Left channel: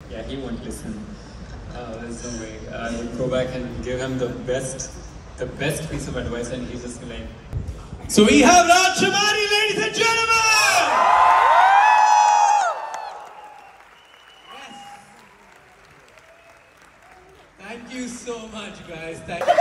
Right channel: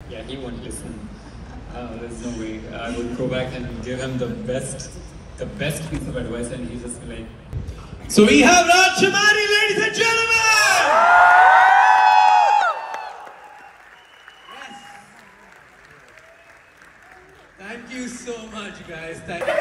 Yeah, he won't listen. There's no way. I would go back and give him the best piece of advice, and he's just like. So we have Raj Shamari, ladies and gentlemen. Yes. Thank you so much, guys. Thank you.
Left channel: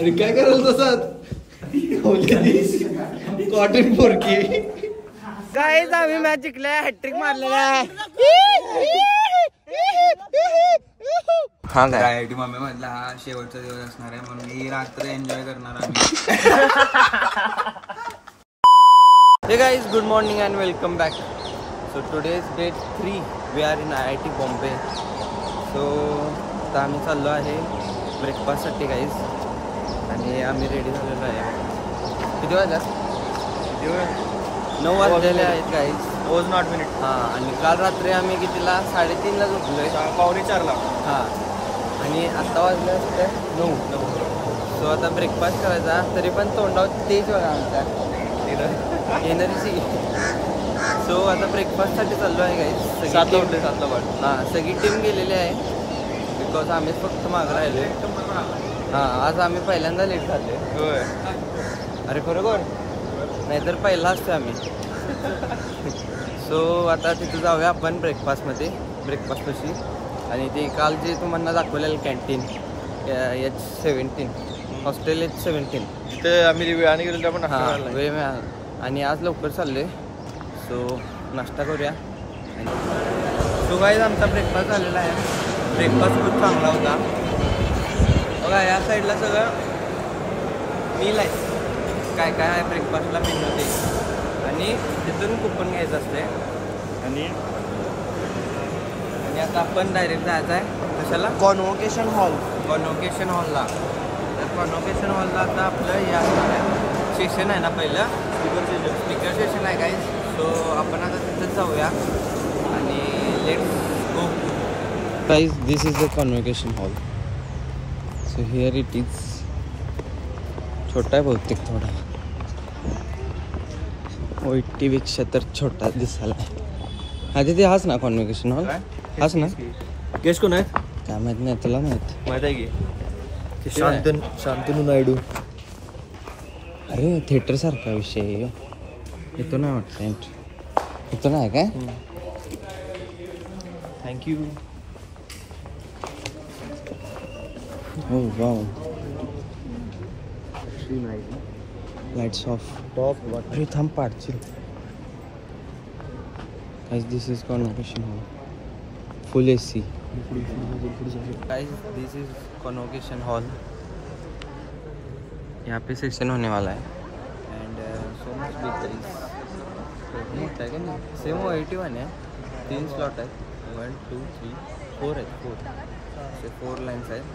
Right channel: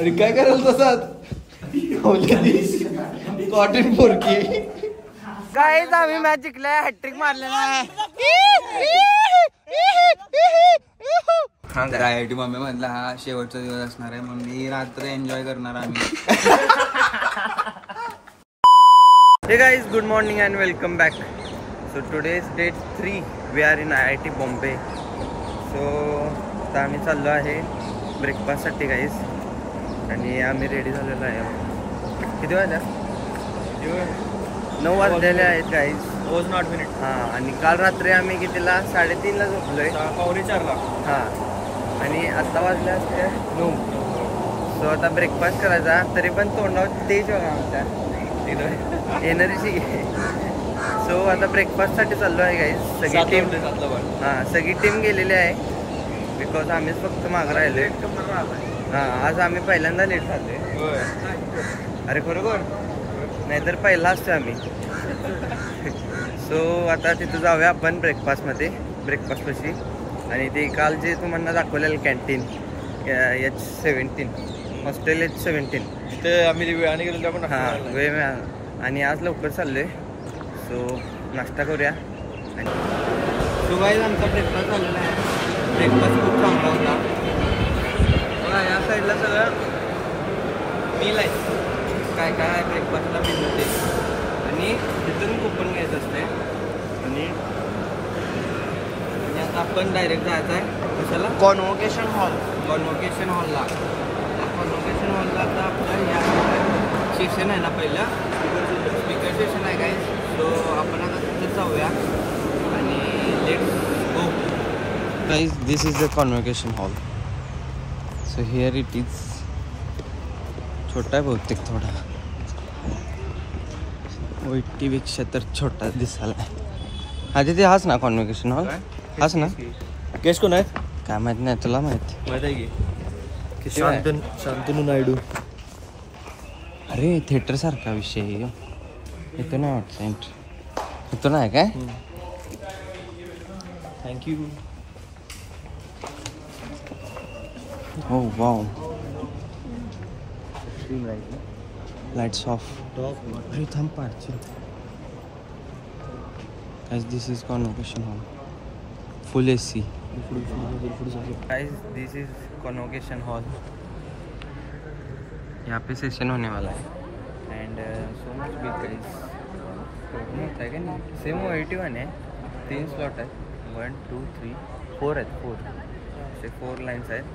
अरे काय कराल तसाच cotton पोरकी guys आम्ही match जिंकलाय hat trick मारलेला आहे हा IIT mummy म्हटलं हा शेवटचा दिवस असणार आहे म्हणून मी रात्र एन्जॉय करणार आम्ही Hey guys, good morning and welcome back. So today is day 3. We are in IIT Bombay. So आता आम्ही चाललो आहे ब्रेकफास्टसाठी गाईज आणि आम्ही रेडी झालेलो आहे बघा. किती वाजल्यात 9 वाजलेले आहेत गाईज. हां आणि काल रात्री आम्ही कितीला 3:30ला झोपलोय 4:45 हां आणि आत्ता वाजल्या असत्या 9. सो आता ब्रेकफास्ट करायचा तरी पण तोंडावर तेच बघा आमच्या एनर्जी. सो आता ब्रेकफास्टसाठी चाललो आहे गाईज. सगळी टीम सगळी टीम गेलेली आहे बिकॉज आम्हीच फक्त मागं राहिलो. हां आज आम्ही पहिल्यांदा लेट झालो आहे. अरे खरोखर नाहीतर पहिला असतो आम्ही. सो आता तिथं जाऊया आपण ब्रेकफास्टपाशी आणि ते काल जे तुम्हाला दाखवलेलं कॅन्टीन H17 हॉस्टेल H17 ते आम्ही वेळाने गेलो आपण. हां वेळ आणि आज लवकर चाललोय. सो नाश्ता करूया. आणि सो गाईज आमचा ब्रेकफास्ट झालेला आहे. ब्रेकफास्ट खूप चांगला होता बघा. या साईडला सगळं मील आहे काय काय आहे ब्रेकफास्टला मेनूमध्ये आणि तिथून कुपन घ्यायचं असते. आणि आता आपण डायरेक्ट जायचं आहे कशाला कॉन्व्होकेशन हॉलला. कॉन्व्होकेशन हॉलला आता आपलं या सेशन आहे ना पहिलं स्पीकर सेशन आहे गाईज. सो आपण आता तिथं जाऊया आणि let's go. Guys this is the convocation hall. So here it is. छोटा आहे बहुतेक थोडा OIT तर छोटा दिसायला आहे. आधी ते हाच ना कॉन्व्होकेशन हॉल हाच ना. केस कोण आहे काय माहित नाही तुला माहित आहे की शांतनू नायडू. अरे थिएटर सारखा विषय इथं नाही वाटतं एंट्री इथं नाही काय. थँक्यू. हो वाव लाईट्स ऑफ. अरे थांब पाडशील. Guys this is convocation hall full AC. Guys this is convocation hall. यहाँ पे सेशन होने वाला है and so much big guys. मोठा है क्या नहीं. सेम OIT1 है. 3 स्लॉट है 1 2 3 4 आहेत 4 ते 4 लाईन्स आहेत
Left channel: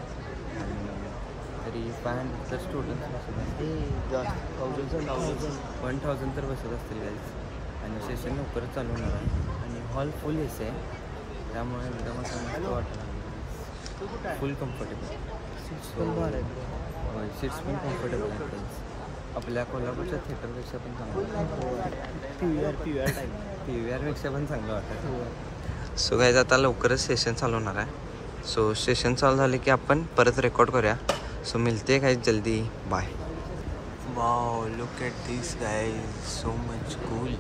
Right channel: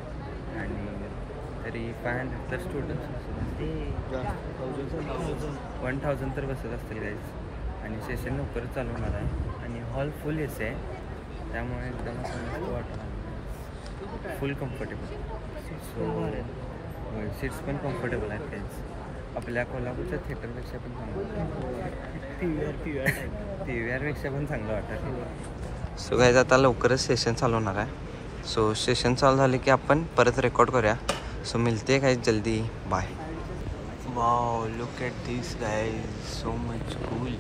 आणि तरी 500 तर स्टुडंट्स बसत असतील. 1000 तर बसत असतील गाईज. आणि सेशन लवकरच चालू होणार आहे आणि हॉल फुल AC आहे त्यामुळे एकदम असं मस्त वाटत आहे. फुल कम्फर्टेबल. सो होय सीट्स पण कम्फर्टेबल आहेत गाईज. आपल्या कोल्हापूरच्या थिएटरपेक्षा पण चांगलं PVRपेक्षा पण चांगलं वाटतं. सो गाईज आता लवकरच सेशन चालू होणार आहे. सो सेशन चालू झाले की आपण परत रेकॉर्ड करूया. सो मिलते गाइस जल्दी. Bye. Wow look at this guys so much cool.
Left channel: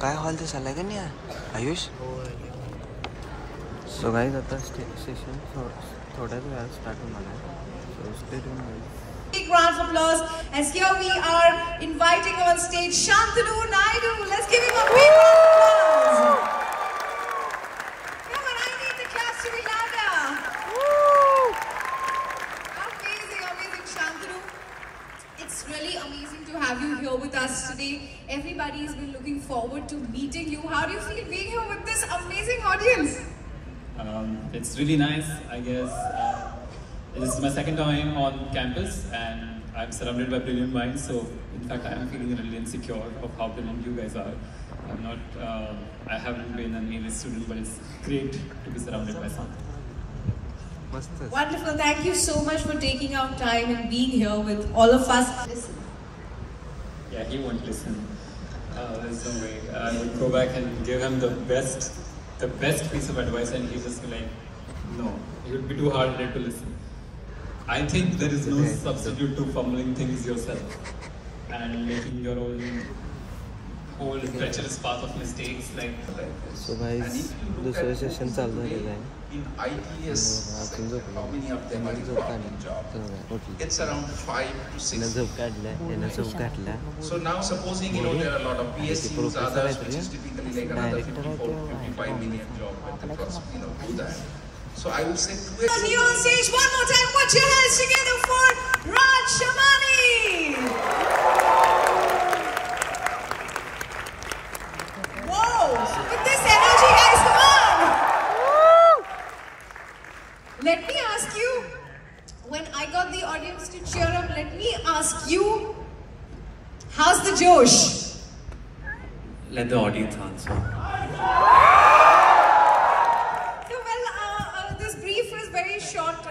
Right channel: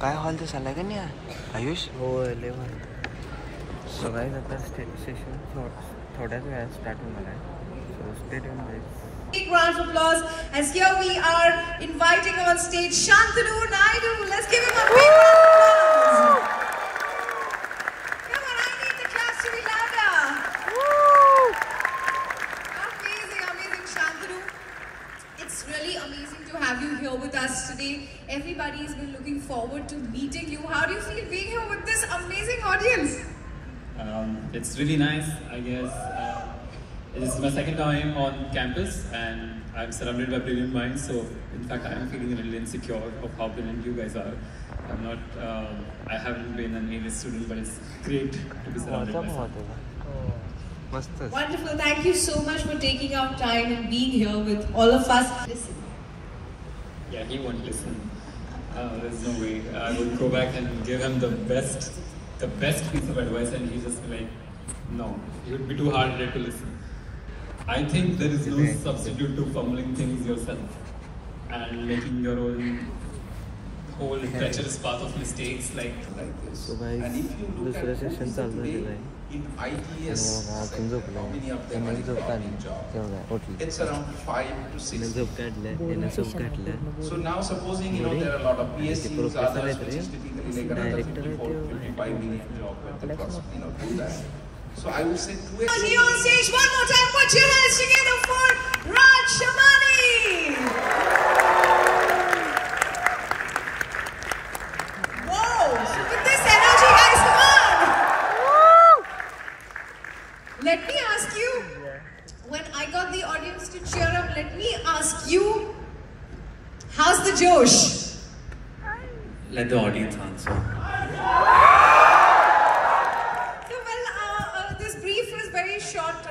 काय हॉल दिसायला का नाही आयुष. सो गाइस आता सेशन थोड्याच वेळात स्टार्ट होणार आहे. So stay tune guys. Big round of applause as here we are inviting on stage Shantanu Naidu. Let's give him a big round of applause. Come on, I need the claps to be louder. Amazing Shantanu. It's really amazing to have you here with us today. Everybody's been looking forward to meeting you. How do you feel being here with this amazing audience? It's really nice, I guess. This is my second time on campus and I'm surrounded by brilliant minds. So in fact, I'm feeling a little insecure of how brilliant you guys are. I haven't been an A student, but it's great to be surrounded by some. मस्त. Wonderful. Thank you so much for taking out time and being here with all of us. Listen. Yeah, he won't listen. There's no way. I would go back and give him the best piece of advice, and he's just like, no, it would be too hard-headed to listen. I think there is no substitute to fumbling things yourself and making your own whole treacherous path of mistakes like this. So guys, दूसरे session चालू है. In ITS, how many of them are in job? It's around 5 to 6. So now supposing there are a lot of PSUs, others, which is typically like another 54, 55 million job when they do that. So I would say 2x. Here on stage one more time. Put your hands together for Raj Shamani. Whoa! With this energy, guys, come on. Let me ask you, when I got the audience to cheer up, let me ask you, how's the Josh? Let the audience answer. This brief was very short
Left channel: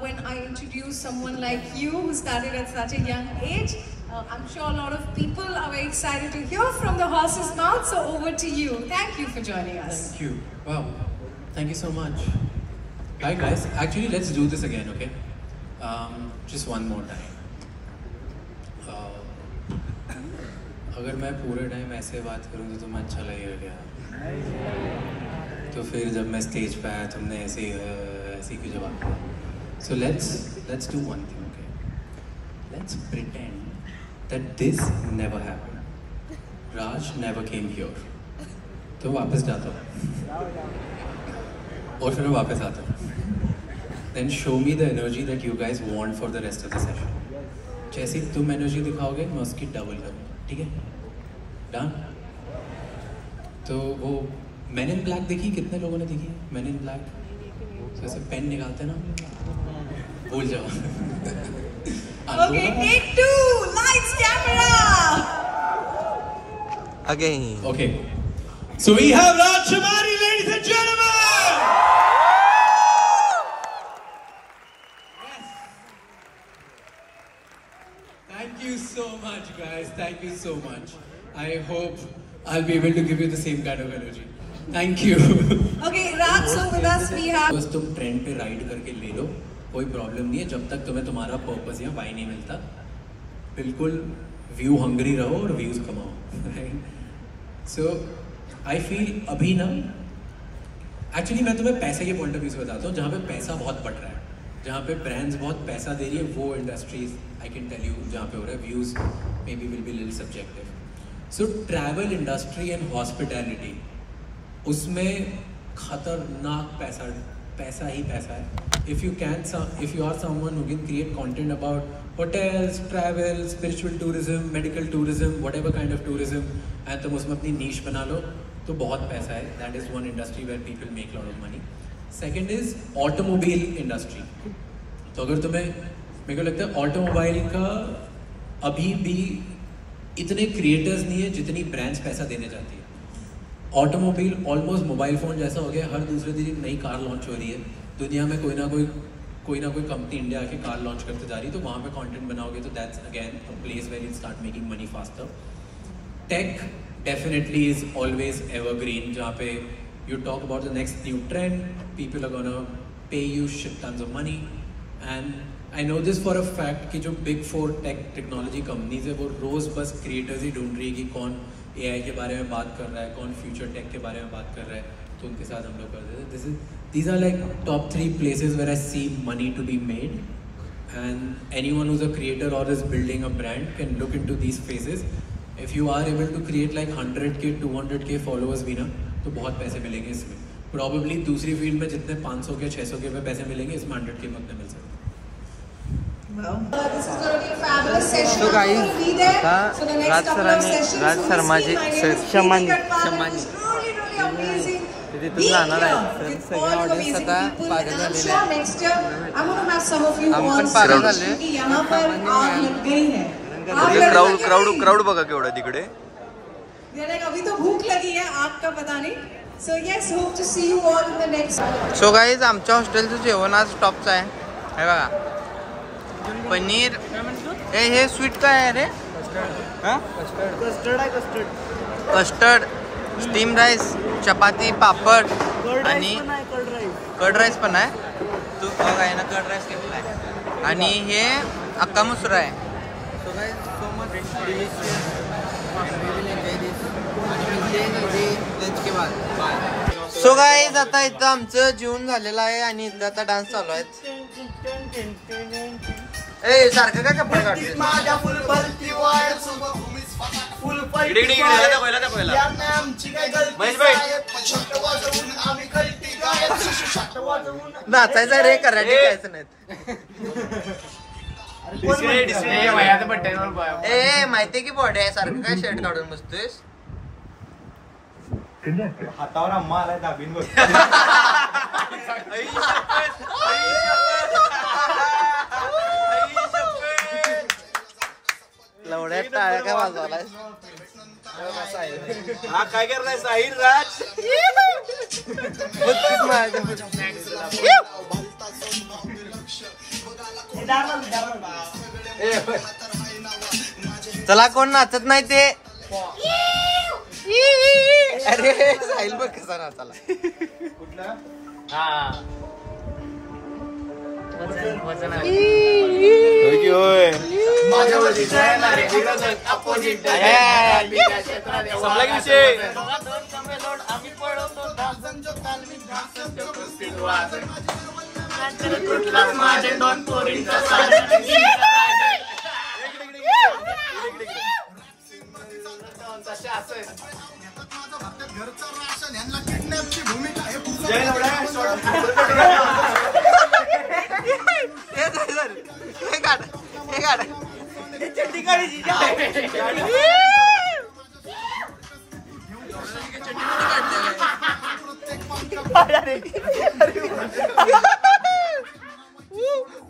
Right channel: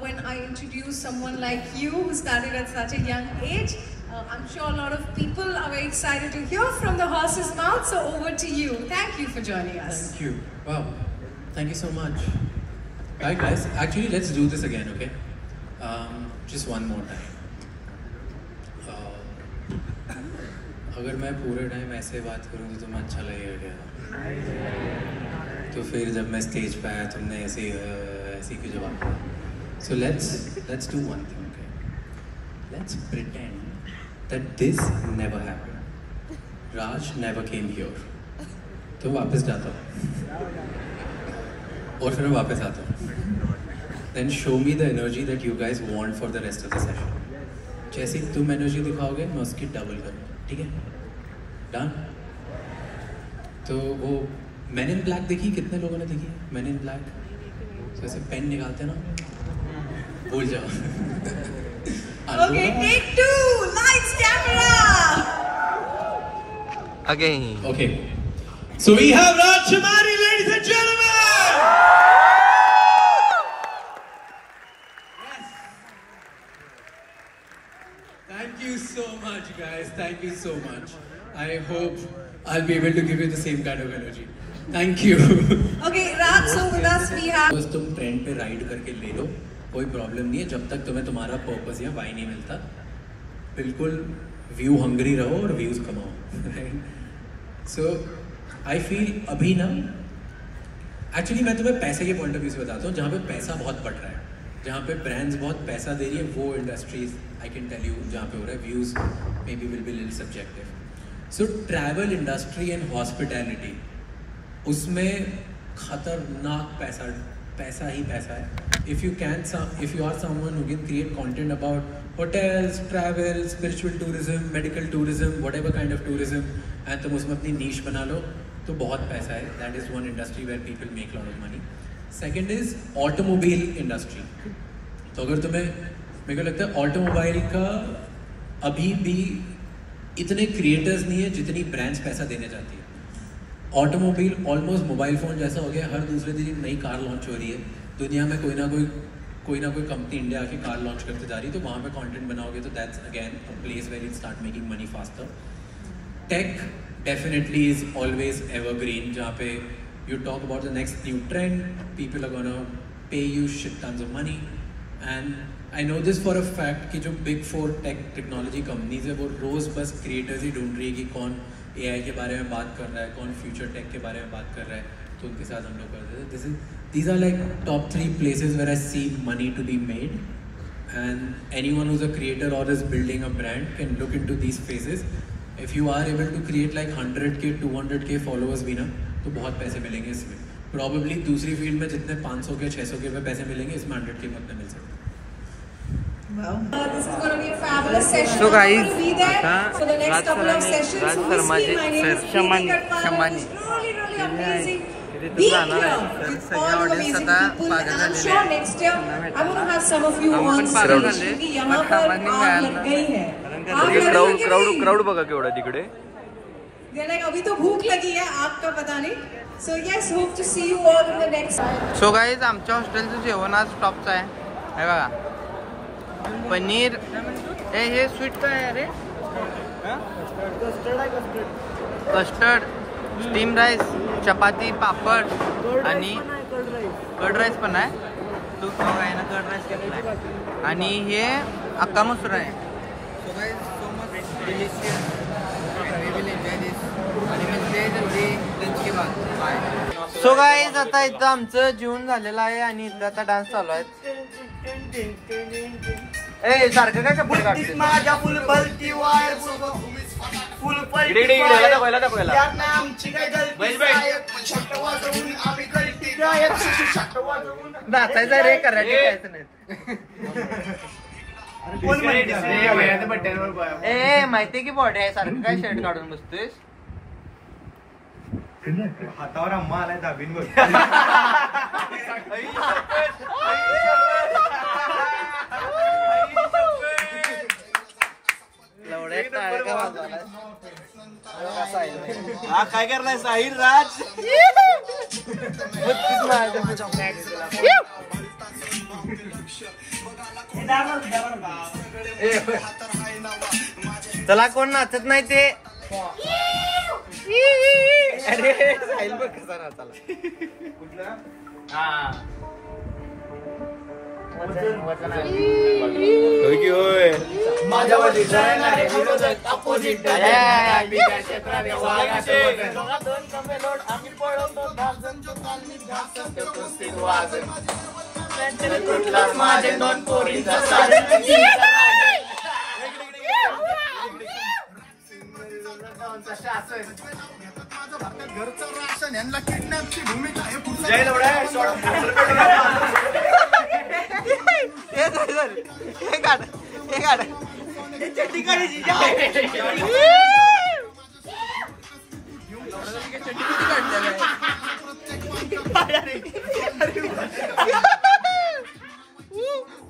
when I introduced someone like you who started at such a young age. I'm sure a lot of people are very excited to hear from the horse's mouth, so over to you. Thank you for joining us. Thank you. Wow. Thank you so much. Alright guys, actually let's do this again, okay? Just one more time. अगर मैं पूरे time ऐसे बात करूँ तो तुम्हें अच्छा लगेगा क्या? तो फिर जब मैं स्टेज पे आया तुमने ऐसी क्यों जवाब दिया? So let's do one thing, okay? Let's pretend that this never happened. Raj never came here. तो वापस जाता हूँ और फिर मैं वापस आता हूँ. Then show me the energy that you guys want for the rest of the session. जैसी तुम एनर्जी दिखाओगे मैं उसकी डबल करूँगा, ठीक है? डन? तो वो Men in Black देखी? कितने लोगों ने देखी है Men in Black? जैसे पेन निकालते ना, भूल जाओ. Okay, take 2. Lights, camera. Again. Okay. So we have Raj Shamani, ladies and gentlemen! Thank you so much, guys. Thank you so much. I hope I'll be able to give you the same kind of energy. Thank you. Okay, Raj, so with us we have. बस तुम trend पे ride करके ले low, कोई problem नहीं है जब तक तुम्हें तुम्हारा पर्पस या वाई नहीं मिलता. बिल्कुल व्यू हंग्री रहो और व्यूज कमाओ. सो आई फील अभी ना, एक्चुअली मैं तुम्हें पैसे के पॉइंट ऑफ व्यू से बताता हूँ. जहाँ पे पैसा बहुत बढ़ रहा है, जहाँ पे ब्रांड्स बहुत पैसा दे रही है, वो industries I can tell you जहाँ पे हो रहा है. Views may be will be little subjective. So travel industry and hospitality, उसमें खतरनाक पैसा ही पैसा है. if you are someone who can create content about hotels, travel, spiritual tourism, medical tourism, whatever kind of tourism, and तुम उसमें अपनी niche बना low तो बहुत पैसा है. that is one industry where people make a lot of money. second is automobile industry. तो अगर तुम्हें, मेरे को लगता है ऑटोमोबाइल का अभी भी इतने क्रिएटर्स नहीं है जितनी ब्रांड्स पैसा देने जाती है. ऑटोमोबाइल ऑलमोस्ट मोबाइल फ़ोन जैसा हो गया. हर दूसरे दिन नई कार लॉन्च हो रही है. दुनिया में कोई ना कोई कंपनी इंडिया आके कार लॉन्च करते जा रही है. तो वहाँ पे कंटेंट बनाओगे तो that's again a place where you start making money faster. Tech definitely is always evergreen, जहाँ पे you talk about the next new trend, people are gonna pay you shit tons of money. And I know this for a fact कि जो big 4 technology companies है वो रोज़ बस creators ही ढूंढ रही है कि कौन AI के बारे में बात कर रहा है, कौन फ्यूचर टेक के बारे में बात कर रहा है, तो उनके साथ हम लोग करते थे. These are like top 3 places where I see money to be made, and anyone who's a creator or is building a brand can look into these spaces. If you are able to create like 100k 200k followers भी ना, तो बहुत पैसे मिलेंगे इसमें. Probably दूसरी field में जितने 500 के 600 के पे पैसे मिलेंगे, इसमें 100k में उतने मिल सकते. Well, this is going to be a fabulous session. So guys, be there for the next couple of sessions. Raj Shamani, Really amazing. Being here with all you amazing people, and I'm sure next year I'm going to have some of you on stage. क्योंकि यहाँ पर आग लग गई है. Crowd बघा केवढा तिकडे. अभी तो भूख लगी है, आग का पता नहीं. So yes, hope to see you all in the next. So guys आमच्या हॉस्टेलचं जेवण आज टॉपचं आहे. हे बघा पनीर. हे स्वीट काय आहे रे? कस्टर्ड, स्टीम राईस, चपाती, पापड आणि कर्ड राईस पण आहे. तू काय ना कर्ड राईस घेतला आहे आणि हे अक्का मसूर आहे. So guys so much delicious and we will enjoy this आणि मिळते जल्दी लंच के बाद. बाय. सो गाईज आता इथं आमचं जेवण झालेलं आहे आणि इथं आता डान्स चालू आहे. ए सारखं काय कपडे काढते? नाचायचं रे, कराटे खायचं नाही. ए माहितीये की बॉडी आहे, सारखं काय शर्ट काढून बसतोयस? हातावर अम्मा आलाय दाबीन बघ. लवड्यात टाळ्या काय वाजवायला? काय करणार साहिल राज? चला कोण नाचत नाही ते. अरे साहिल बघ कसा नाचाला.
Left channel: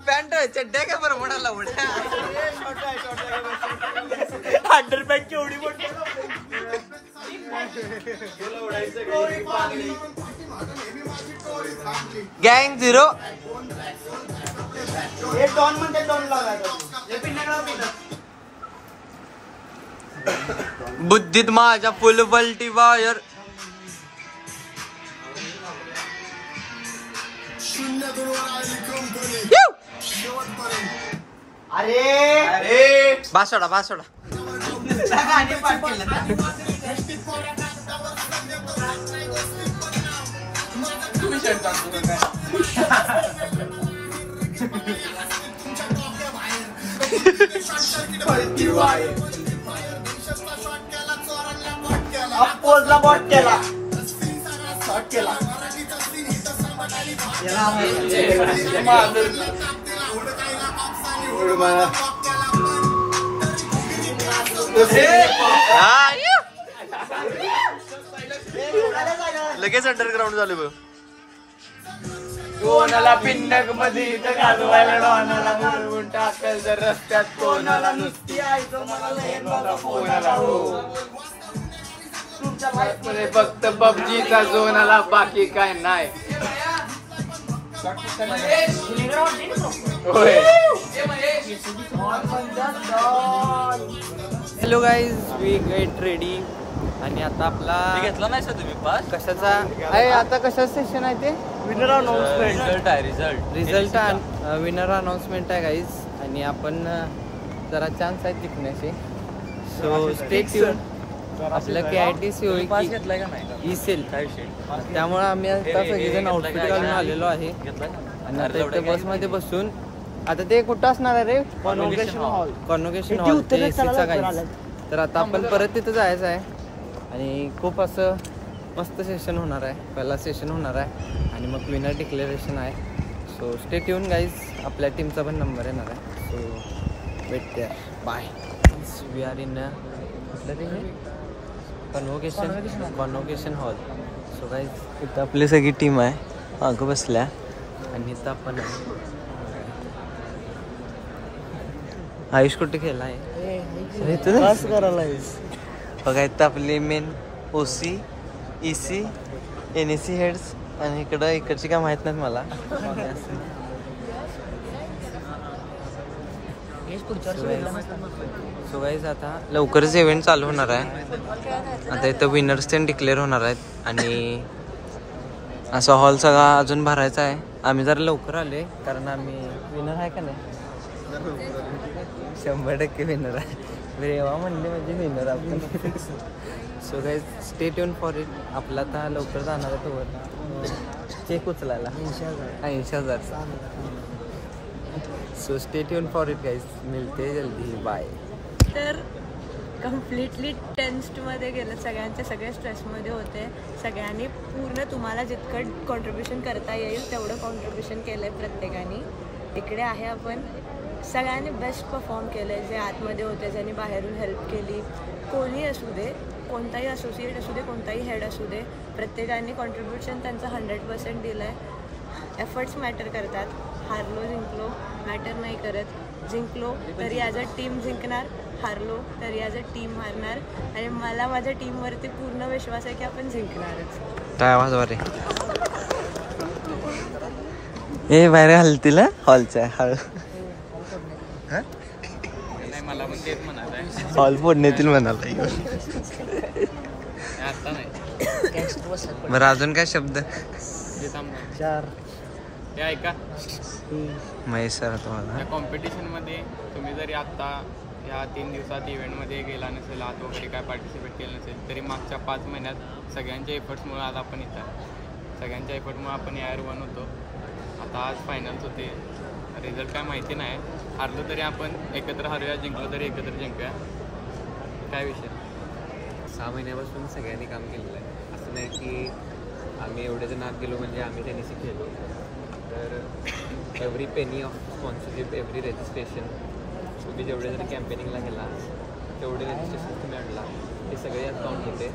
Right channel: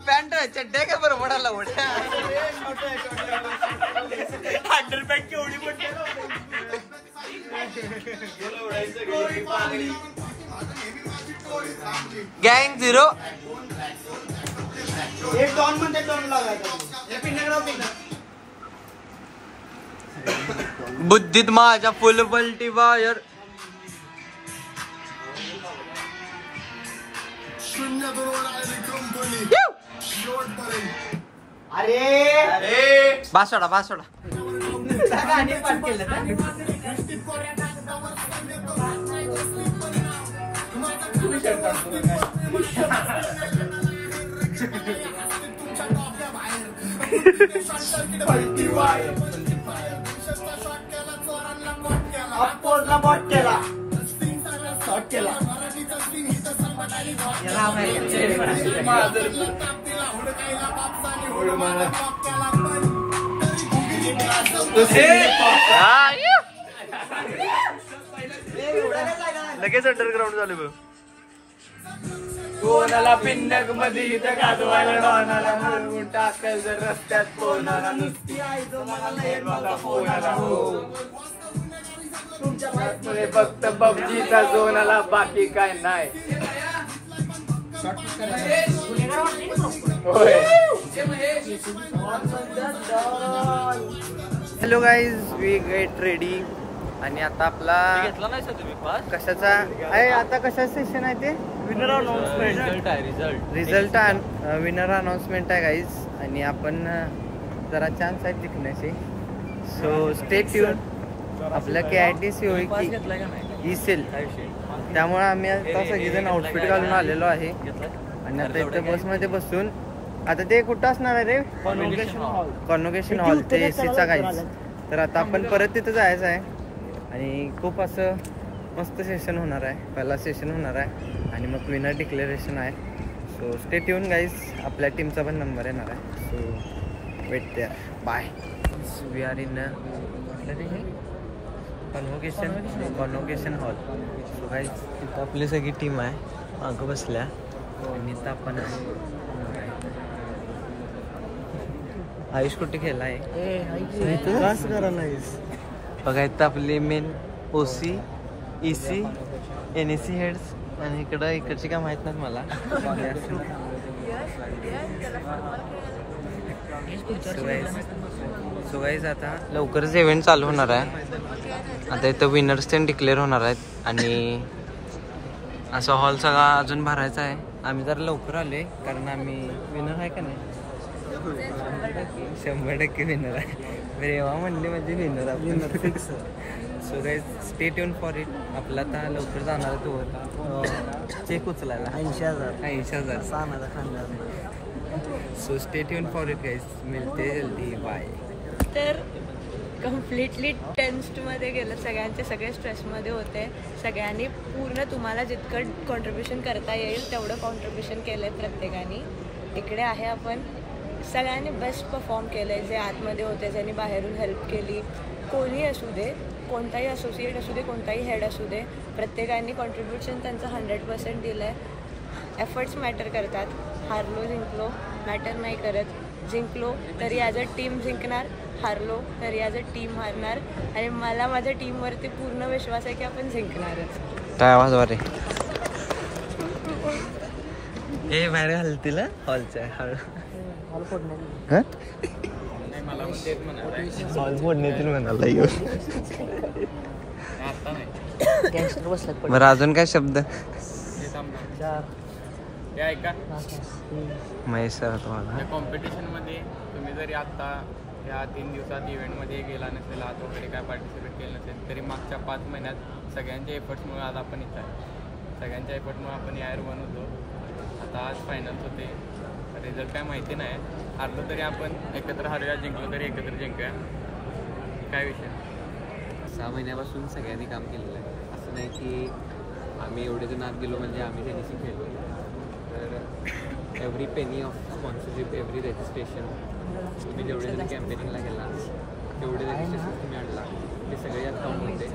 पॅन्ट चड्ड्या काय बरं म्हणाला उड्या. अंडरपॅन्ट केवढी मोठी. गँग झिरो. बुद्धीत माझ्या फुल बल्टी वायर. अरे बासोडा बासोडा. गाणी पाठ केलं ना. अप्पोजला बॉट केला. शॉट केला. लगेच अंडरग्राउंड झाले बघ. कोणाला पिन्नक मध्ये गाजवायला डॉनाला मारून टाकल जर रस्त्यात कोणाला नुसती आहे तुमच्या भाईपुढे फक्त पबजीचा जोनाला बाकी काय नाही. Hello guys we get ready आणि आता आपला घेतला नाही तुम्ही पास कशाचा आहे आता कशाचं सेशन आहे ते रिझल्ट विनर अनाउन्समेंट आहे गाईज आणि आपण जरा चान्स आहेत जिंकण्याचे. So stay tuned. आपल्या KIT COE सेल त्यामुळे आम्ही आता सगळेजण आउटफिट घालून आलेलो आहे आणि आता इथं बसमध्ये बसून आता ते कुठं असणार आहे रे कॉन्व्होकेशन हॉल ते AC चा गाईज. तर आता आपण परत तिथं जायचं आहे आणि खूप असं मस्त सेशन होणार आहे. पहिला सेशन होणार आहे आणि मग विनर डिक्लेरेशन आहे. So stay tune guys. आपल्या टीमचा पण नंबर येणार आहे. So wait there. Bye. We are in convocation hall. So guys इथं आपली सगळी टीम आहे मागं बसल्या आणि इथं आपण आहे. आयुष कुठे खेळला आहे बघा. इथं आपले main OC EC NEC heads आणि इकडची काय माहित नाहीत मला. सो गाईज आता लवकरच इव्हेंट चालू होणार आहे. आता इथं विनर्स ते डिक्लेअर होणार आहेत आणि असा हॉल सगळा अजून भरायचा आहे. आम्ही जरा लवकर आले कारण आम्ही विनर आहे का नाही 100% विनर आहे. रेवा म्हणले म्हणजे विनर आपण. So guys stay tune for it. आपला आता लवकर जाणार आहे तोवर चेक उचलायला 80,000. So stay tune for it guys. मिळते जल्दी. बाय. तर कम्प्लिटली टेन्स्टमध्ये गेलं. सगळे स्ट्रेसमध्ये होते. सगळ्यांनी पूर्ण तुम्हाला जितकं कॉन्ट्रीब्युशन करता येईल तेवढं कॉन्ट्रीब्युशन केलं आहे प्रत्येकाने. इकडे आहे आपण. सगळ्यांनी बेस्ट परफॉर्म केलं आहे. जे आतमध्ये होते ज्यांनी बाहेरून हेल्प केली. कोणी असू दे, कोणताही असोसिएट असू दे, कोणताही हेड असू दे, प्रत्येकाने कॉन्ट्रीब्युशन त्यांचं 100% दिलं आहे. एफर्ट्स मॅटर करतात. हारलो जिंकलो मॅटर नाही करत. जिंकलो तरी ॲज अ टीम जिंकणार, हारलो तरी ॲज अ टीम हारणार. आणि मला माझ्या टीमवरती पूर्ण विश्वास आहे की आपण जिंकणारच. काय आवाज वारे हे बाहेर घालतील हॉलच्या हॉल फोडण्यातील म्हणाला. बरं अजून काय शब्द ऐका. महेश सर तुम्हाला कॉम्पिटिशनमध्ये तुम्ही जरी आत्ता ह्या 3 दिवसात इव्हेंटमध्ये गेला नसेल, आत वगैरे काय पार्टिसिपेट केलं नसेल, तरी मागच्या 5 महिन्यात सगळ्यांच्या एफर्ट्समुळे आज आपण इथं आहे. सगळ्यांच्या एफर्टमुळे आपण यार 1 होतो. आता आज फायनल्स होते. रिझल्ट काय माहिती नाही. हारलो तरी आपण एकत्र हारूया, जिंकलो तरी एकत्र जिंकूया. काय विषय. 6 महिन्यापासून सगळ्यांनी काम केलेलं आहे. असं नाही की आम्ही एवढे जण आत गेलो म्हणजे आम्ही टेनिसी खेळलो. तर every penny of sponsorship, every registration, तुम्ही जेवढे जण कॅम्पेनिंगला गेला तेवढे रजिस्ट्रेशन तुम्ही आणला, ते सगळे यात काउंट होते.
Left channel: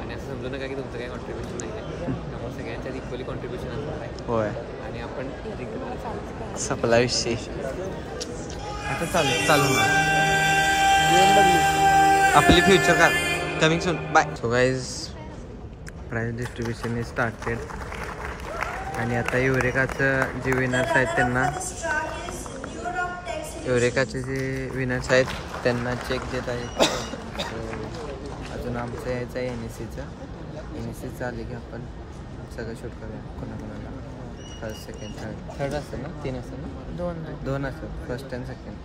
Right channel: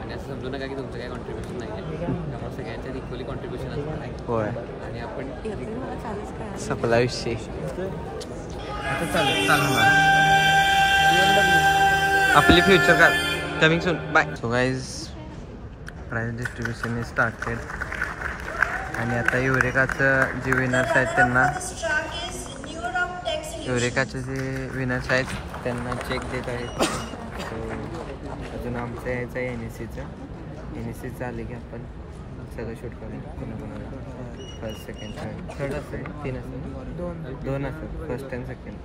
आणि असं समजू नका की तुमचं काही कॉन्ट्रीब्युशन नाही आहे. त्यामुळे सगळ्यांच्यात इक्वली कॉन्ट्रीब्युशन असणार आहे. होय. आणि आपण जिंकणार आहे. सपला विषय. आता चालू आपली फ्युचर का coming soon. Bye. So guys prize distribution is started. आणि आता युरेकाचं जे विनर्स आहेत त्यांना, युरेकाचे जे विनर्स आहेत त्यांना चेक देत आहेत. सो अजून आमचं यायचं आहे NECचं आले की आपण सगळं शूट करूया. कोणाकोणाला फर्स्ट सेकंड थर्ड असेल ना, 3 असेल ना, 2 असेल first and second.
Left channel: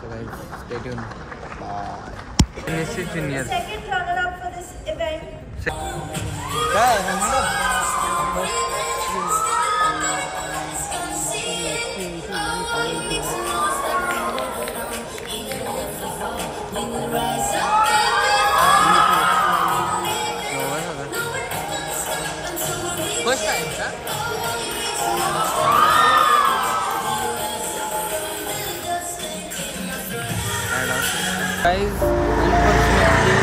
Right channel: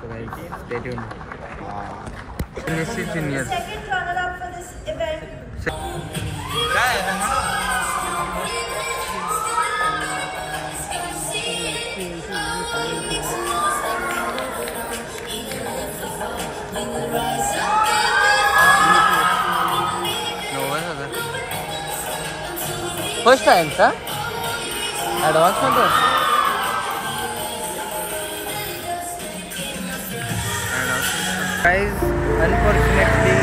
So guys stay tune. Bye. NEC junior first time का ॲडव्हान्स प्राईज. अनफॉर्च्युनेटली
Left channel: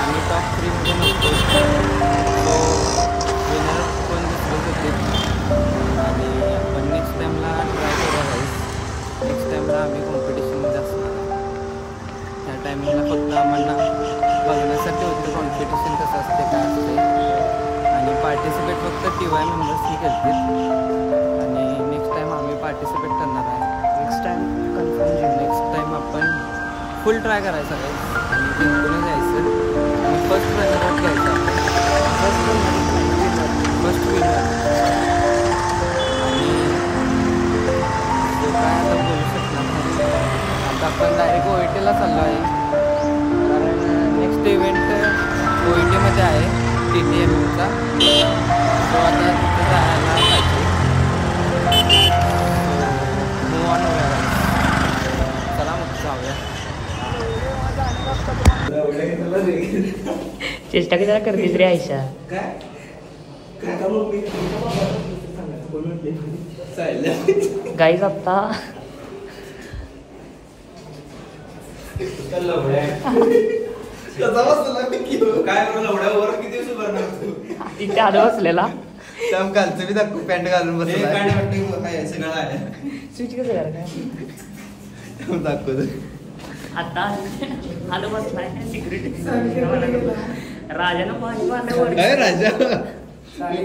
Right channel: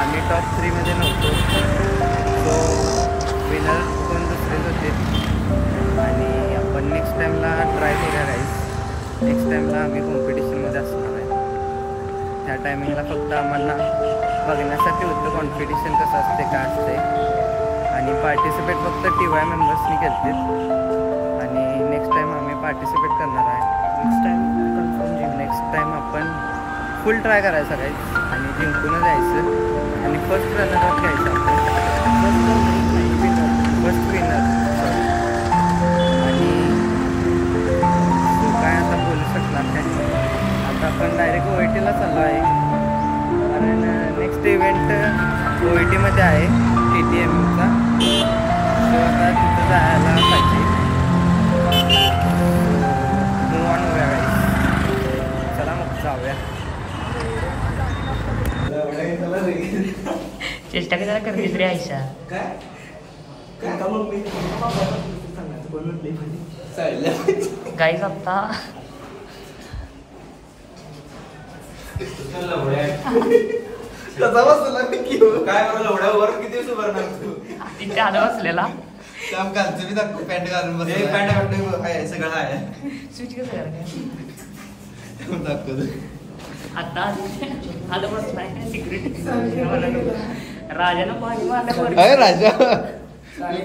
आम्ही टॉप 3मध्ये नव्हतो. तो विनर कोण दुसरेच होते. आणि आपण नेक्स्ट टाईमला ट्राय करूया गाईज. नेक्स्ट टाईमला आम्ही कॉम्पिटिशनमध्ये असणार आहे. त्या टायमिंगला फक्त आम्हाला बघण्यासाठी होतं कॉम्पिटिशन कसं असते, काय असते. आणि पार्टिसिपेट फक्त TY मेंबर्सनी केले. आणि नेक्स्ट टाईम आम्ही पार्टिसिपेट करणार आहे. नेक्स्ट टाईम आपण फुल ट्राय करायचा काय आणि जिंकूनच जायचं. आणि फर्स्ट रनरअप घ्यायचं आपण. First winner. आणि तो काय आता बोलू शकणार नाही. आता आपण डायरेक्ट OITला चाललो आहे. कारण नेक्स्ट इव्हेंट OITमध्ये आहे TTMUचा. तो आता तिथं जायला पाहिजे. तो मूव ऑन होऊया. चला मग जाऊया. चेष्टा करा करते रे आयशा. गाईज आत्ता कसा बसला काय करू लवड्यावर किती दिवस उभारणार तू. तिथे आलं बसलेला घालतो मी दाखवतो पॅन्ट घालून पॅन्ट घालतो काय सगळं आहे. स्विच कसं करायचं दाखवतो. आता आलं बसलाय सिक्युरिटी राजानं पाणी मारल्यावर राजा अरे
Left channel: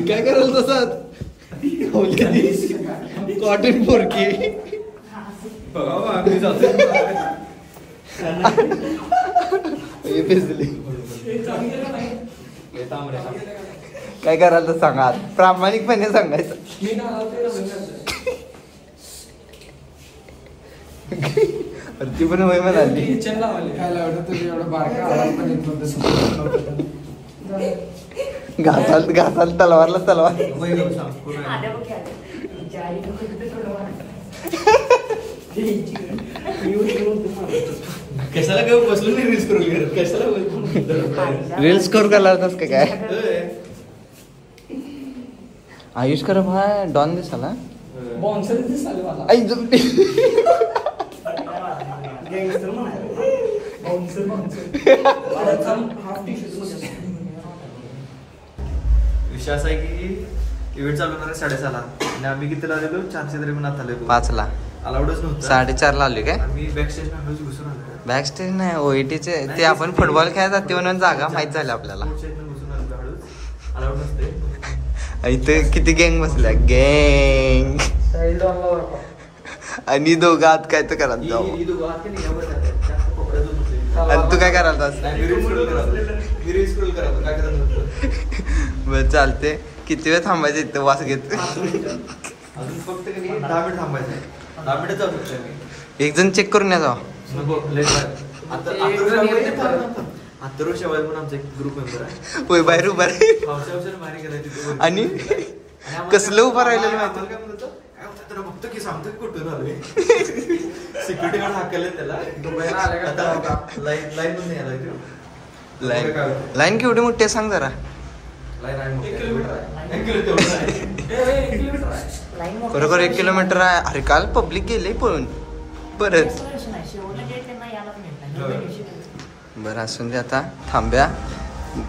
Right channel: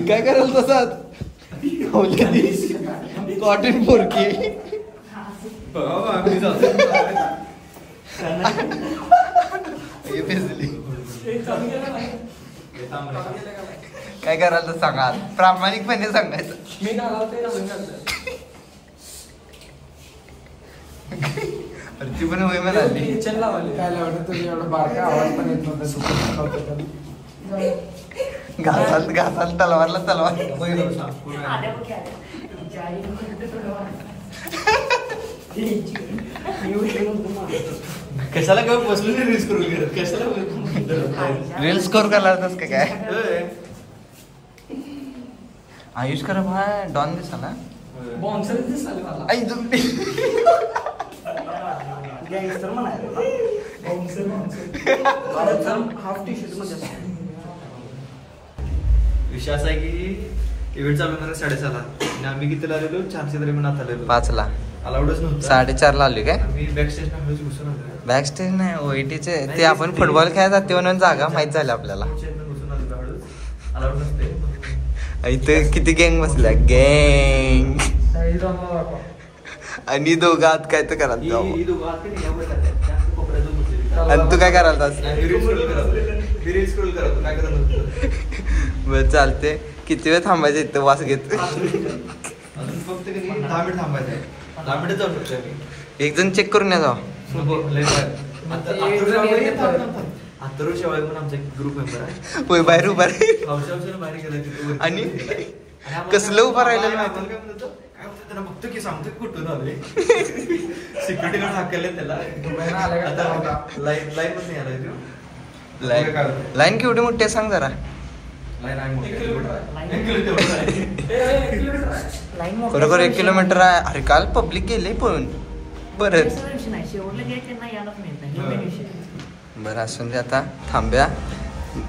काय करायला तसाच कॉटन पोरकी काय करायला तर सांगा प्रामाणिकपणे सांगायचं. ती पण वय मध्ये काय लावलं तुझी एवढा बारका आवाज पण येत नव्हता. घासाल तलवारला तलवार कशाला काय बसलो नाही रील्स करू कशाला रील्स करू का लावतास का काय. आयुष कर डॉन दिसतो ना बॉन्सर दिसला मला गँगस्टर म्हणायला हाफ टी शर्ट. विषय असा आहे की इव्हेंट चालू होणार 6:30 आणि आम्ही कितीला आलेलो 400 तरी पण आता आलेलो 5ला अलाउडच नव्हतं 4:30ला आली काय. आम्ही बॅकस्टेज हळूच घुसून आलो. बॅकस्टेज नाही ओईटीचे ते आपण फुटबॉल खेळायला जाते म्हणून जागा माहित झाली आपल्याला. घुसून आलो हळूच अलाउड नसते. इथे किती गँग बसल्या गँग आणि दोघं आत काय तर करा जाऊ. आणि तू काय करायला बर चालते. किती वेळ थांबायचं इथं वास घेत. अजून फक्त 10 मिनिट थांबायचं. 10 मिनिट जाऊ शकतो आम्ही. एक जण चेक करून या जाऊ. अथर्व शेवाळे पण आमचा एक ग्रुप मेंबर आहे. होय बाहेर उभा आणि कसलं उभं राहिलेलं माहिती बघतो की सांगतो कुठून आलोय. सिक्युरिटी गार्ड हाकले त्याला लाईन केवढी मोठी आहे सांग जरा. खरोखर 1 किलोमीटर आहे. अरे काल पब्लिक गेले पळून परत. बरं असून दे आता थांब्या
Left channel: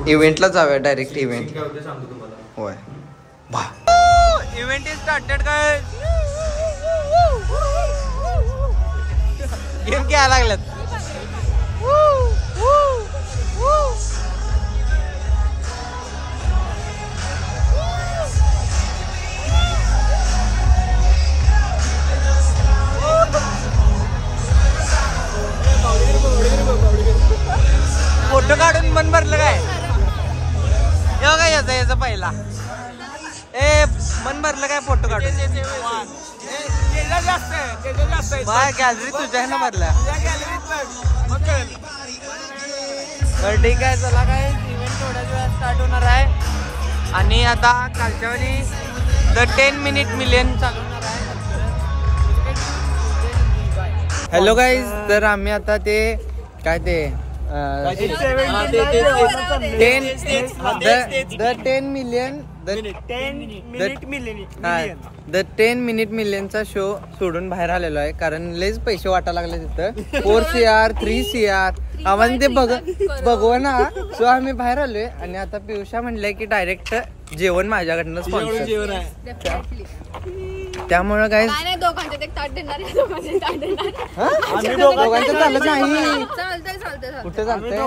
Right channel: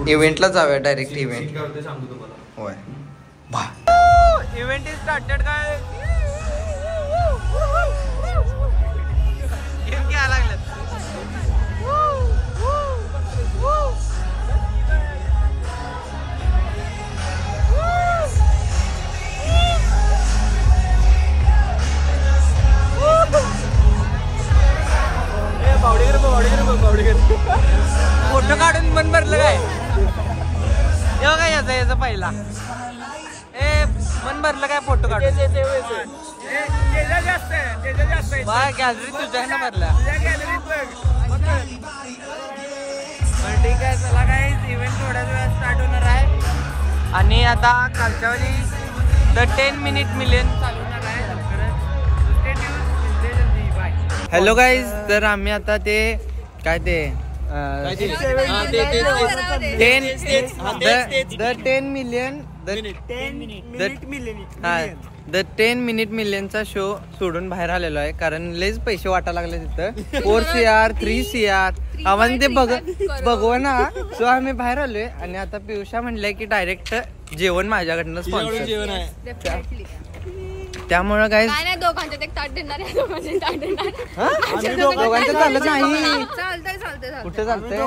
इव्हेंटला जाऊया डायरेक्ट इव्हेंट. होय बा इव्हेंट इज स्टार्टेड. काय गेम घ्यायला लागल्यात. फोटो काढून मन भरलं काय. येऊ काय याचा पहिला मन भरलं काय फोटो काढून. गॅलरी तुझ्या ना भरला. बरं ठीक आहे चला काय इव्हेंट थोड्याच वेळात स्टार्ट होणार आहे आणि आता कालच्या वेळी द 10 मिनिट मिलियन चालू होणार आहे लवकरच. हॅलो गाईज तर आम्ही आता ते काय ते 10 मिनिट मिलियनचा शो सोडून बाहेर आलेलो आहे कारण लयच पैसे वाटायला लागले तिथं. 4 CR 3 CR आम्हाला ते बघू ना. सो आम्ही बाहेर आलोय आणि आता पियुषा म्हणलंय की डायरेक्ट जेवण माझ्याकडनं स्पॉन्सर जेवण आहे. त्यामुळे काय दोघांच्यात एक ताट देणार दोघांचं चालत नाही. चालतंय कुठं चालतंय.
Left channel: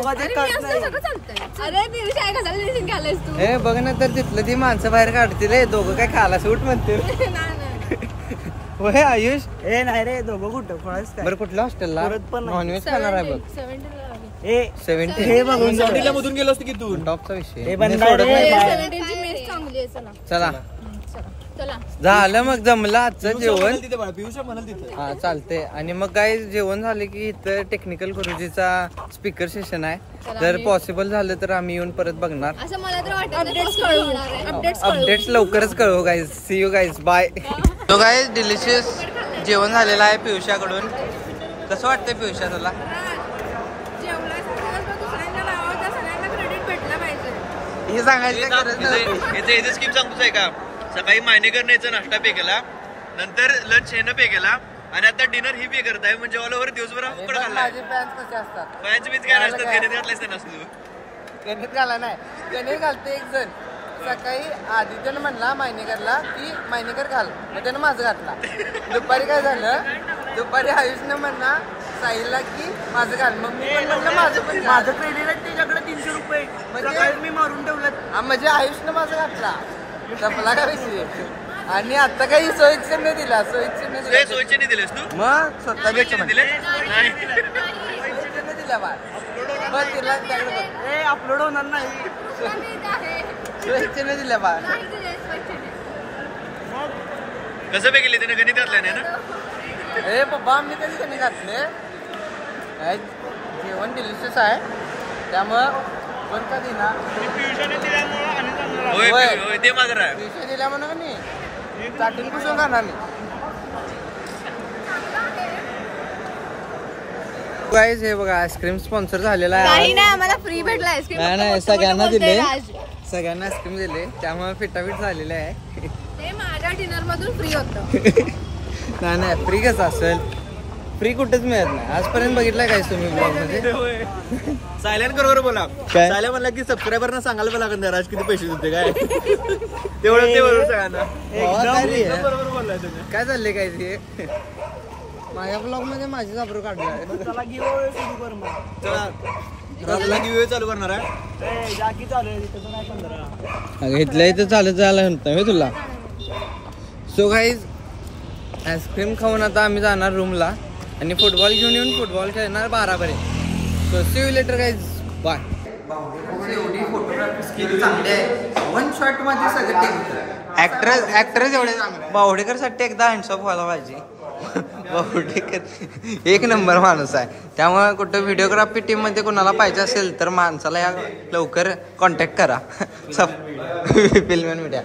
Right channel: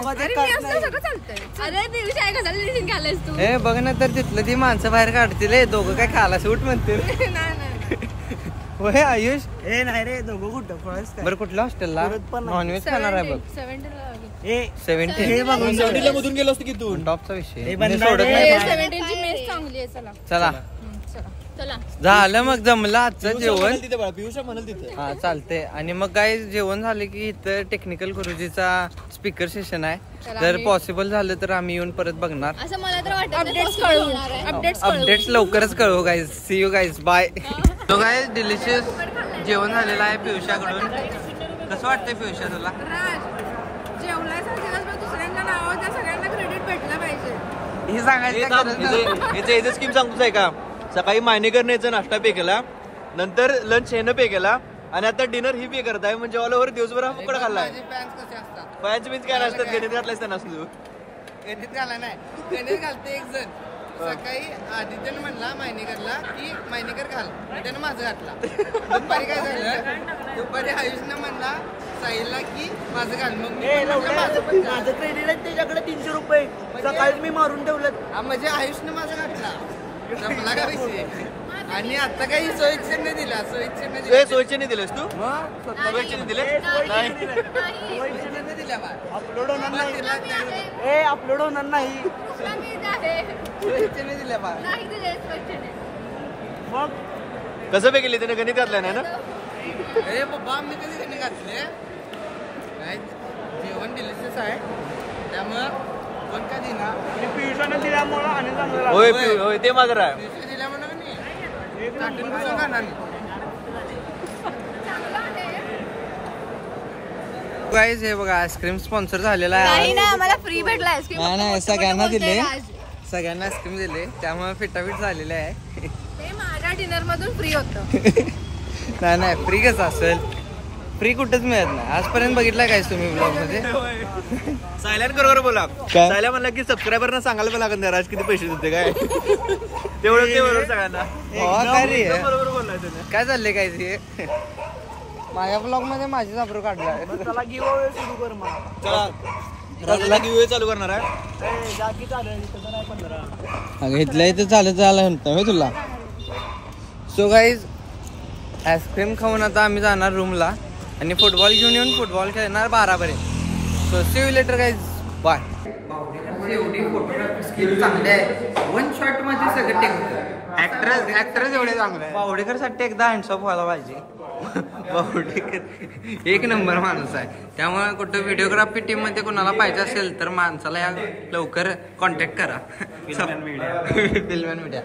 अरे बघ ना तर तिथलं ती माणसं बाहेर काढतील दोघं काय खायला सूट म्हणतील. होय आयुष नाही रे दोघं कुठं बरं कुठल्या हॉस्टेलला नॉनव्हेज खाणार आहे बघ. 70 मधून गेलो असतो की तू. टॉपचा विषय सोडत नाही. चला झालं मग जमलं आजचं जेवण. हा चालतंय. आणि मग काय जेवण झालं की इथं टेक्निकल गुरुजीचा स्पीकर सेशन आहे. जर पॉसिबल झालं तर आम्ही येऊन परत बघणार. अपडेट्स लवकरच कळवू guys. See you guys bye. तो गाईज डिलिशियस जेवण झालेलं आहे पियुषाकडून. कसं वाटतंय पियुषा तुला. हे सांगायचं गरज नाही. स्कीम सांगतोच आहे का. सकाळी मायनेकर न्यायचा नाश्ता पे केला नंतर लंच हेनं पे केला आणि आता डिनर ही पे करताय म्हणजे ऑल ओव्हर दिवसभर उकडा खाल्लाय. फॅन्स बीन्स काय नसतात गणित घातलायच त्यांना असतो. गणित घाला नाही गणित घालते एक जण सकाळी आदित्यनं म्हणला मायनेकरला की मायनेकर घाल, मग त्यानं माझं घातला. दुपारी काय झालं, दुपारी आयुषनं म्हणला साहिलला की माझं घाल, मग मी पण म्हणलं माझं क्रेडिट आहे त्याच्याकडे 300 रुपये सकाळी मी मारून ठेवलं. म्हणजे आयुषनं माझं घातला, संपला का विषय. आणि आता काही सोयीचे दिला, सोयीचे नाही दिलेस तू? मग सोयीचे दिले नाही दिल्या बा मग तिला ए अपलोड होणार नाही. दिल्या बा कसं पे केले त्याने गणित घातलं नाही ना? ए बाबा मी कधी कमी घातले, काय जेवण डिलिशियस आहे त्यामुळं पण का दिना. होय होय ते मात्र आहे. दिल्या म्हणून चाटून पुसून जाणार नाही. गाईज हे बघा आईस्क्रीम स्पॉन्सर झालेला आहे. नाही नाही आम्हाला फ्री भेटला आईस्क्रीम. नाही सगळ्यांना दिले, सगळ्यांना आईस्क्रीम दिले त्यामुळे फिटाफिट झालेले आहे. ते माझ्या डिनर मधून फ्री होतं. नाही फ्री कसं असेल, फ्री कुठेच मिळत नाही आजपर्यंत. बघितलंय काय तुम्ही ब्लॉग मध्ये? सायल्यान बरोबर बोला. सायल्या म्हणला की सबस्क्रायबरना सांगायला पण लागत नाही राज किती पैसे देते काय. तेवढं ते बरोबर सगळ्यांना. बरोबर बोललाय त्याने. काय चाललंय काय ते माझ्या ब्लॉग मध्ये माझीच अब्रू काढलाय. चला गिव्हअवे सुरू कर मग. चला गिव्हअवे चालू करणार आहे. जागी चालू आहे तसं नाही 15. इथल्या इथं चालत जायला म्हणतोय तुला. सो गाईज आईस्क्रीम खाऊन आता आम्ही जाणार रूमला आणि फुटबॉल घेऊन येऊन फुटबॉल खेळणार 12 पर्यंत. So see you later guys, bye. एवढी फोटोग्राफी स्किल चांगली आहे, 1 शॉट मध्ये सगळं टेक. ऍक्टरच एवढे चांगले. बावडेकरसाठी एकदा हँड्स ऑफ व्हायला पाहिजे. बावडेकर एक नंबर माणूस आहे, त्यामुळे कुठं व्हिडिओग्राफी टीम मध्ये कोणाला पाहिजे असेल तर माणसाला या लवकर कॉन्टॅक्ट करा. फिल्मन मीडिया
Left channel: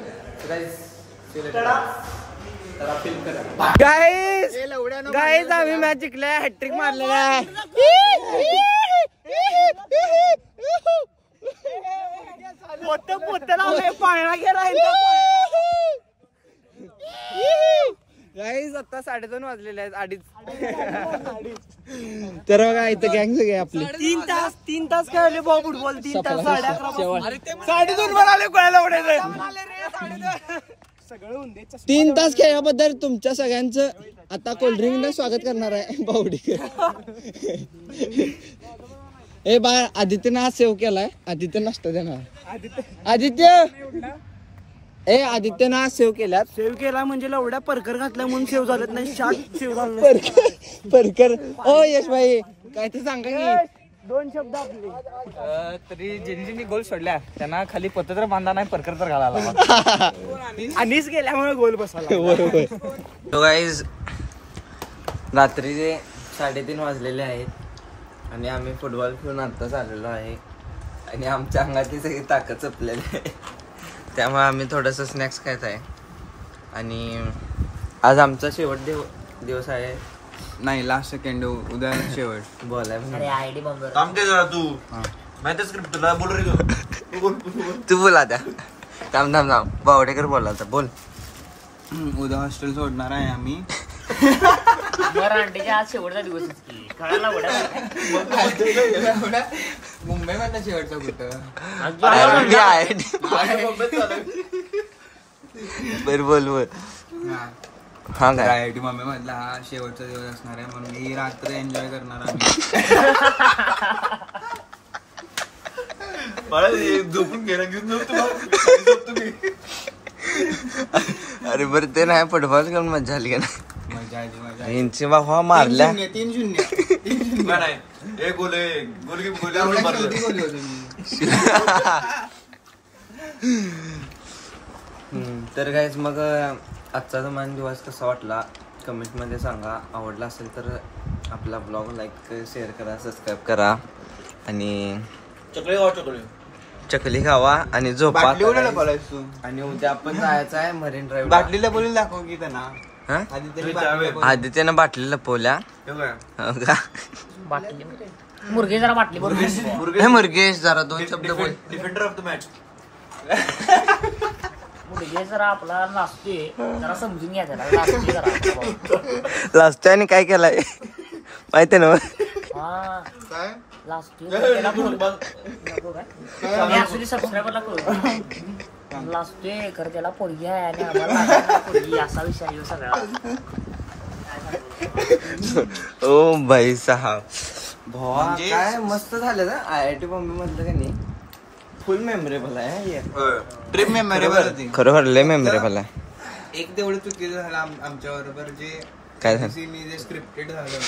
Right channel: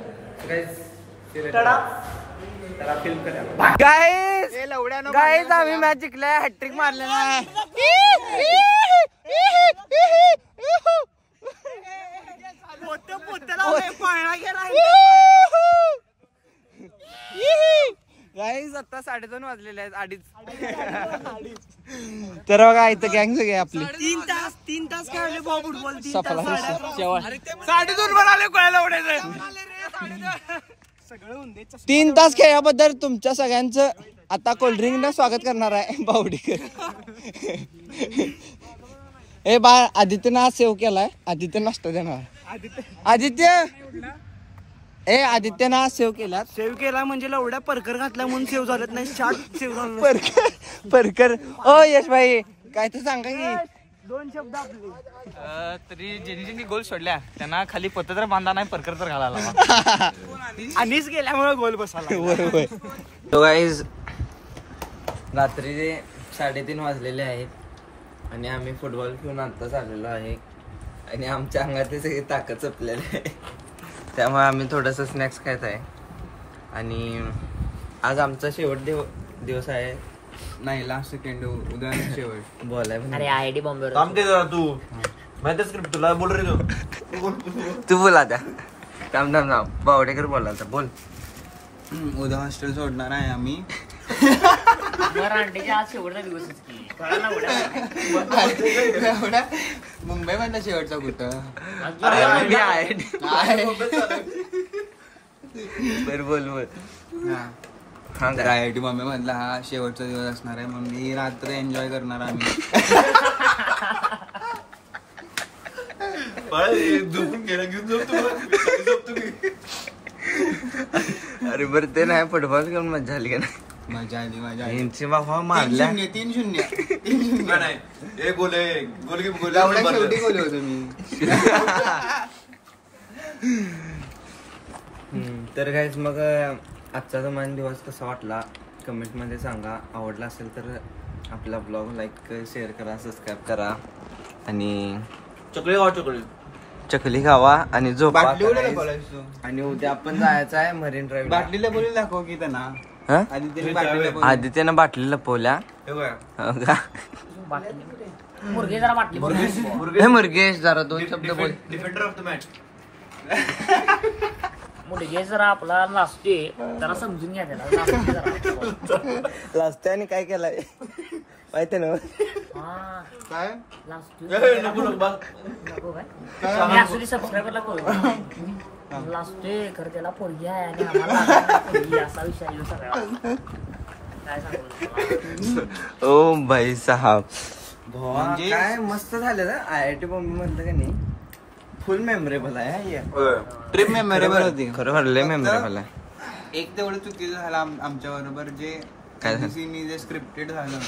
गाईज आम्ही मॅच जिंकलाय, हॅट्रिक मारलेला आहे. पाळणा गेला. गाईज आता 2:30 वाजलेले आहेत, 2:30. तर बघा इथं गँग सगळे आपले 3 तास खेळले भाऊ फुटबॉल. 3 तास 3 तास खेळल्याबद्दल तुमच्या सगळ्यांचं आता कोल्ड्रिंकनं स्वागत करणार आहे बावडेकर. ए बा आदित्यनं आज सेव्ह केलाय, आदित्य नाश्ता देणार. आदित्यनं आज सेव्ह केल्यात. सेव्ह केला म्हणजे एवढ्या परकर घातल्या म्हणून सेव्ह झालेत नाही. शार्ट सेव्ह झालं परकर. ओ यश भाई काय तर सांगा की 2 शब्द आपले. तरी ज्यांनी गोल सोडल्या त्यांना खाली पत्र बांधा नाही, परकर तर घालायला. आणिच गेल्यामुळे गोल बसाला. बरोबर. तो गाईज रात्रीचे 3:30 वाजलेले आहेत आणि आम्ही फुटबॉल खेळून आत्ताच आलेलो आहे आणि आमच्या अंगातली सगळी ताकद चपलेली आहे, त्यामुळे आम्ही थोडंसं स्नॅक्स खायचं आहे. आणि आज आमचा शेवट दिवस आहे. नाही लास्ट सेकंड, उद्या शेवट बोलाय म्हणजे तू माहिती स्क्रिप्ट तुला बोल रे तू बोला त्या. थांब बावडेकर बोला तर बोल. उद्या हॉस्टेल सोडणार आहे आम्ही. शेवटचा दिवस मुंबई मधला शेवटचा कुठं मी आहे. बर बोल. हा IIT मुंबई मधला हा शेवटचा दिवस असणार आहे म्हणून ही रात्र एन्जॉय करणार आम्ही. झोपून गेला. अरे बरं ते नाही, फुटबॉल करून मजा आली का नाही? मजा आली. यांची बाबा मारल्या 3-0. तर गाईज मग आजचा तुम्हाला दिवस कसा वाटला कमेंट मध्ये सांगा. आवडला असेल तर आपला ब्लॉग लाईक शेअर करा, सबस्क्राईब करा आणि चकली खावा आणि झोपा. आणि उद्या आपण जायचं आहे मरीन ड्राईव्ह. बाटलीला बोलून दाखव की त्यांना. आदित्यनं बाटली लपवल्या. मुरगेश जरा 2 शब्द बोल. Defender of the match. समजून घ्या त्याला. लास्ट टाइम काय केलाय माहिती ना? सबस्क्रायबरला कळू लाजतोय खरं त्याला पोरगी आहे आणि आम्हाला लागणार नाही पोरगी असा विषय आहे सगळा. ओ भाई साहब म्हणजे काय मस्त झालं ना. IIT बॉम्बे मधलं का नाही फुल मेमोरेबल आहे. ट्रिप मेमोरेबल होती खरोखर लय मेमोरेबल आहे. एक तेवढं चुकीचं झालं आमच्या बरोबर जे काय झालं जे स्क्रिप्टेड झालं.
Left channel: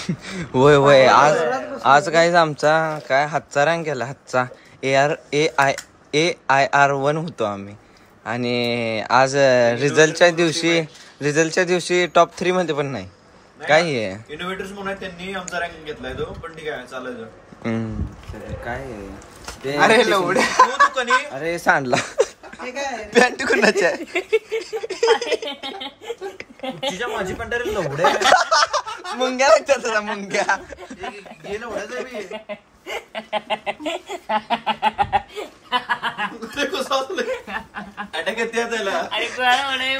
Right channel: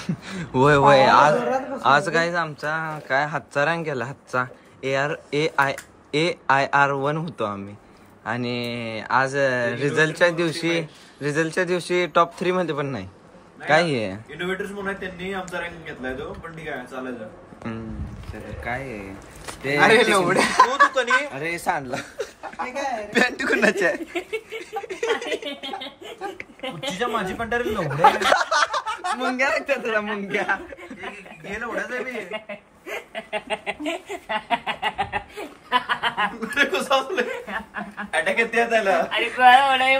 होय होय आज काय आमचा काय हातचा रँक केला. हातचा AIR1 होतो आम्ही. आणि आज रिझल्टच्या दिवशी टॉप 3 मध्ये पण नाही. काय आहे इनोव्हेटर्स म्हणून त्यांनी आमचा रँकिंग घेतलाय तो. पण ठीक आहे चालायचं. काय ते अरे सांडला पॅन्ट कुणाच्या माझी पण तरी लवड्या मुंग्या तुला मुंग्या हे लवड्याच आहे अटॅक येते त्याला.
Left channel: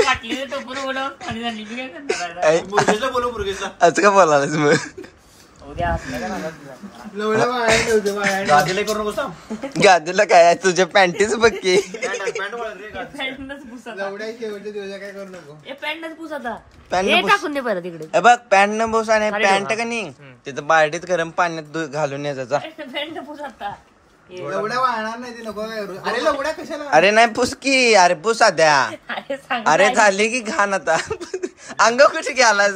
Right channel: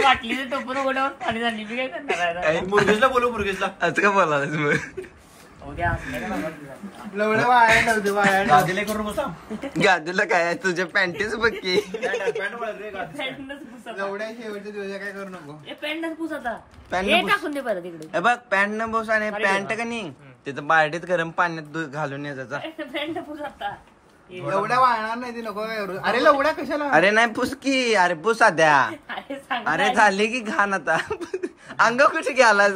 वाटली टोपून बोलावून खाली झाली मी काय करणार. मुरगेशला बोलू मुरगेशला. आज का बोलायलाच मग गादीला काय आहे तुझ्या पॅन्टीच बघ की. बघ पॅन्ट न बोस आणि पॅन्ट का नाही तिथं बार्डीत गरम पाण्यात घालून यायचा. अरे नाही पुस की. अरे पुस आद्या. अरे झाली की घाण आता. अंग कुठे घ्याला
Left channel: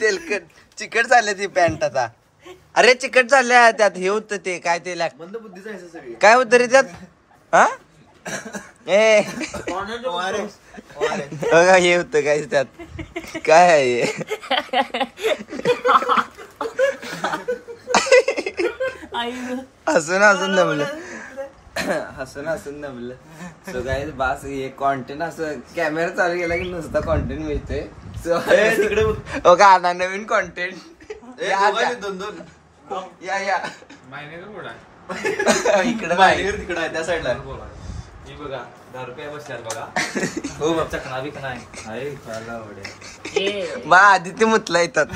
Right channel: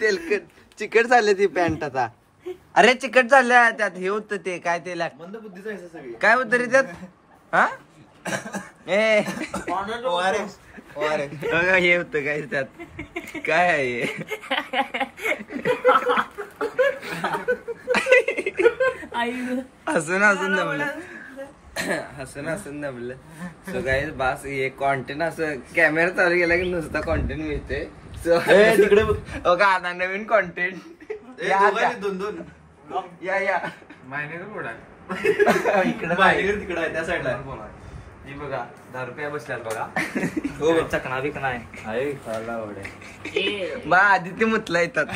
तेलकट चिकट झाले ती पॅन्ट आता. अरे चिकट झाल्या त्यात हे होतं ते काय ते काय होत रे त्यात. हा हे होत काय त्यात काय आहे. हसून दमलं सो गाईज बास. हे कॉन्टेंट असं कॅमेरा चालू केला की नुसता कॉन्टेंट मिळते. तिकडे आता नवीन कॉन्टेंट दोन या इकडे तिकडे आहे त्या साईडला. मी बघा 10 रुपये बसल्यात बघा. चकना बिकना आहे. बा आदित्य मुतला येतात.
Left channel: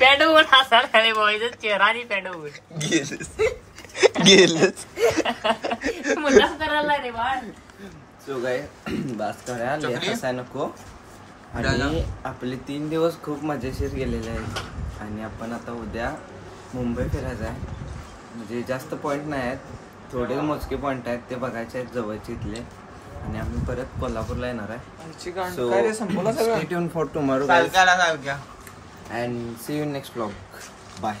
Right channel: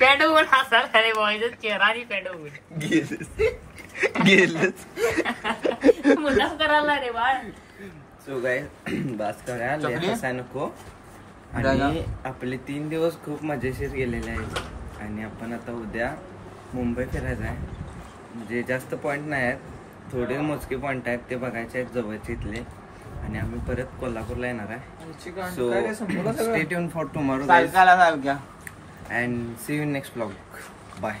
पॅड होऊन चेहरा आणि पॅड होऊन गेलच मुला करायला रे बाळ. सो गाय बास करायला हसाय नको. आणि आपले 3 दिवस खूप मजेशीर गेलेले आहेत. आणि आपण आता उद्या मुंबई फिरायचं आहे. म्हणजे जास्त पॉईंट नाही आहेत. थोडे मोजके पॉईंट आहेत ते बघायचे आहेत जवळचे इथले. आणि आम्ही परत कोल्हापूरला येणार आहे. So stay tune for tomorrow guys and see you next vlog. Bye.